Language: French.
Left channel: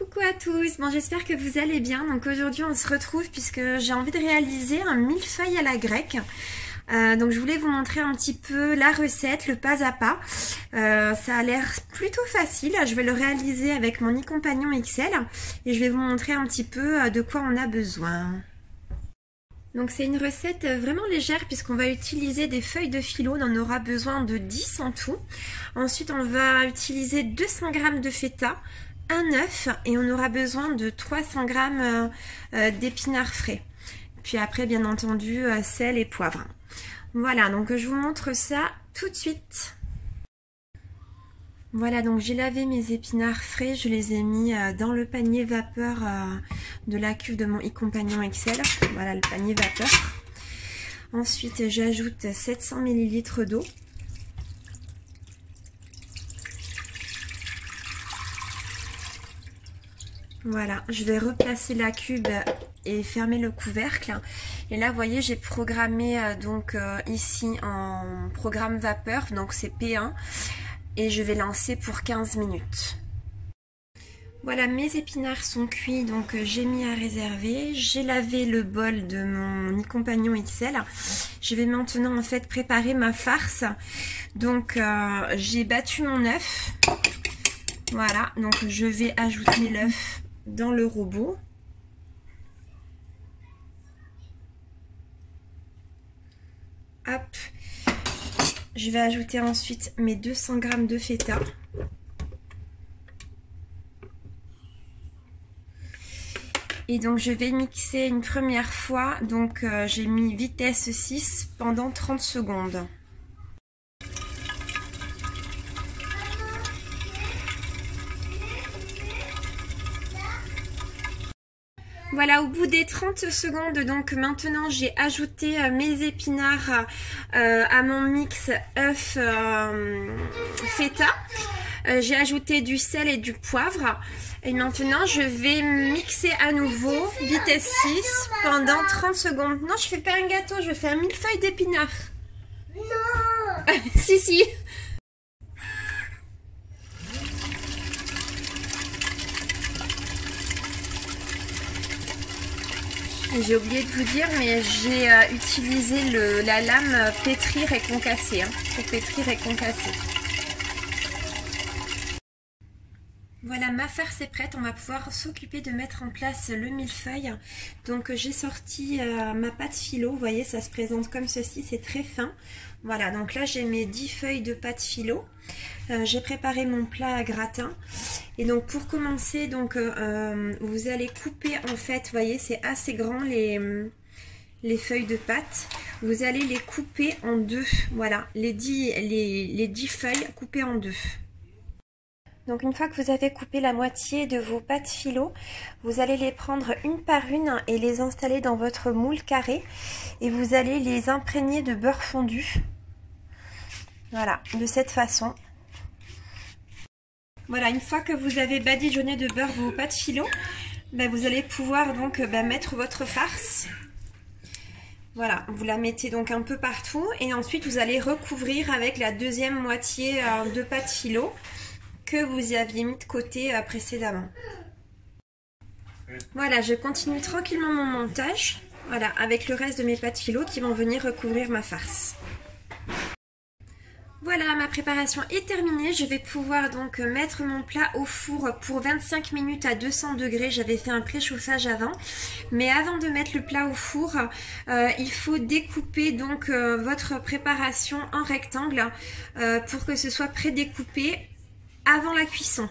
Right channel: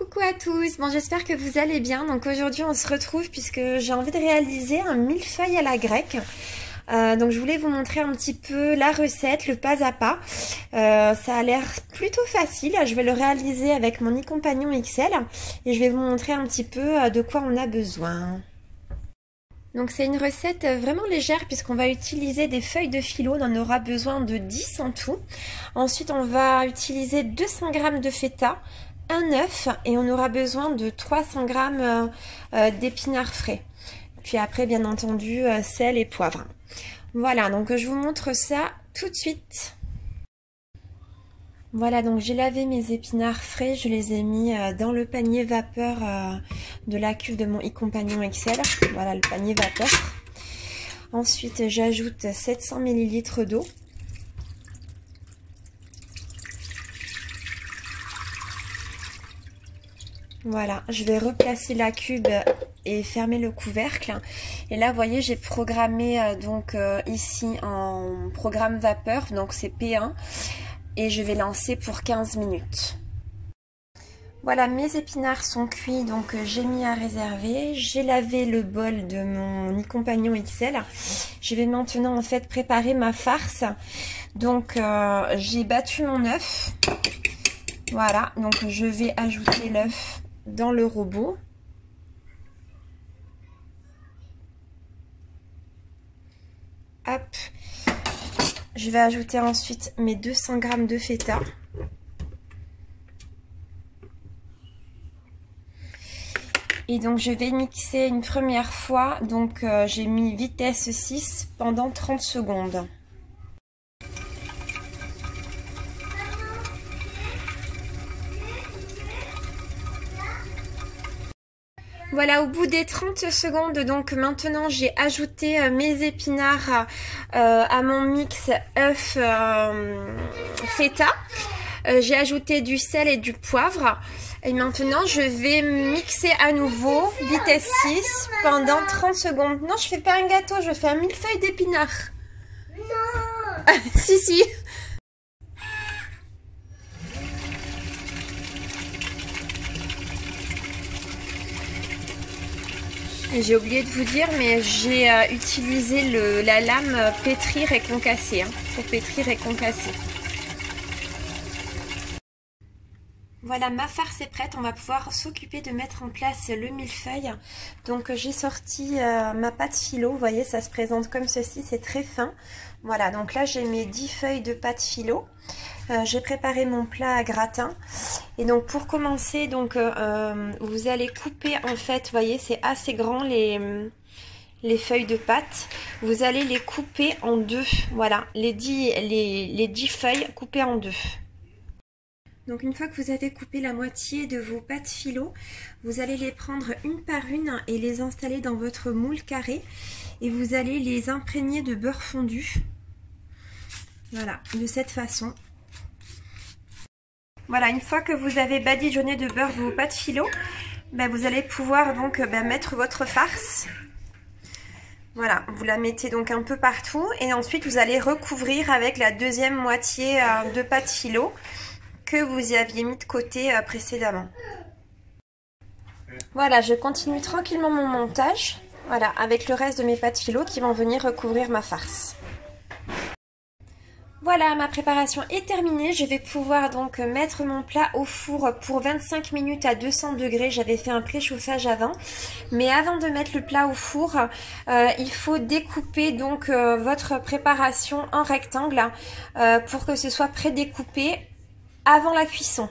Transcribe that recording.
Coucou à tous, bon j'espère que vous allez bien. Donc aujourd'hui on se retrouve puisque j'ai envie de réaliser un millefeuille à la grecque. Donc je voulais vous montrer un petit peu la recette, le pas à pas. Ça a l'air plutôt facile, je vais le réaliser avec mon e-compagnon XL et je vais vous montrer un petit peu de quoi on a besoin. Donc c'est une recette vraiment légère puisqu'on va utiliser des feuilles de phyllo, on en aura besoin de 10 en tout. Ensuite on va utiliser 200 g de feta, un œuf et on aura besoin de 300 g d'épinards frais. Puis après bien entendu sel et poivre. Voilà, donc je vous montre ça tout de suite. Voilà, donc j'ai lavé mes épinards frais, je les ai mis dans le panier vapeur de la cuve de mon e-compagnon XL. Voilà le panier vapeur. Ensuite j'ajoute 700 ml d'eau. Voilà, je vais replacer la cube et fermer le couvercle. Et là, vous voyez, j'ai programmé ici en programme vapeur, donc c'est P1. Et je vais lancer pour 15 minutes. Voilà, mes épinards sont cuits, donc j'ai mis à réserver. J'ai lavé le bol de mon e-compagnon XL. Je vais maintenant en fait préparer ma farce. Donc j'ai battu mon œuf. Voilà, donc je vais ajouter l'œuf dans le robot. Hop. Je vais ajouter ensuite mes 200 g de feta. Et donc je vais mixer une première fois. Donc j'ai mis vitesse 6 pendant 30 secondes. Voilà, au bout des 30 secondes, donc maintenant j'ai ajouté mes épinards à mon mix œuf feta. J'ai ajouté du sel et du poivre. Et maintenant je vais mixer à nouveau, vitesse 6, pendant 30 secondes. Non, je fais pas un gâteau, je fais un millefeuille d'épinards. Non. Si. J'ai oublié de vous dire, mais j'ai utilisé la lame pétrir et concasser, pour pétrir et concasser. Voilà, ma farce est prête, on va pouvoir s'occuper de mettre en place le millefeuille. Donc j'ai sorti ma pâte phyllo, vous voyez ça se présente comme ceci, c'est très fin. Voilà, donc là j'ai mes 10 feuilles de pâte phyllo. J'ai préparé mon plat à gratin et donc pour commencer donc vous allez couper en fait, vous voyez c'est assez grand les feuilles de pâte, vous allez les couper en deux, voilà les 10 feuilles coupées en deux. Donc une fois que vous avez coupé la moitié de vos pâtes phyllo, vous allez les prendre une par une et les installer dans votre moule carré et vous allez les imprégner de beurre fondu, voilà de cette façon. Voilà, une fois que vous avez badigeonné de beurre vos pâtes phyllo, vous allez pouvoir donc mettre votre farce. Voilà, vous la mettez donc un peu partout et ensuite vous allez recouvrir avec la deuxième moitié de pâte phyllo que vous y aviez mis de côté précédemment. Voilà, je continue tranquillement mon montage. Voilà, avec le reste de mes pâtes phyllo qui vont venir recouvrir ma farce. Voilà, ma préparation est terminée. Je vais pouvoir donc mettre mon plat au four pour 25 minutes à 200 degrés. J'avais fait un préchauffage avant. Mais avant de mettre le plat au four, il faut découper donc votre préparation en rectangle pour que ce soit prédécoupé avant la cuisson.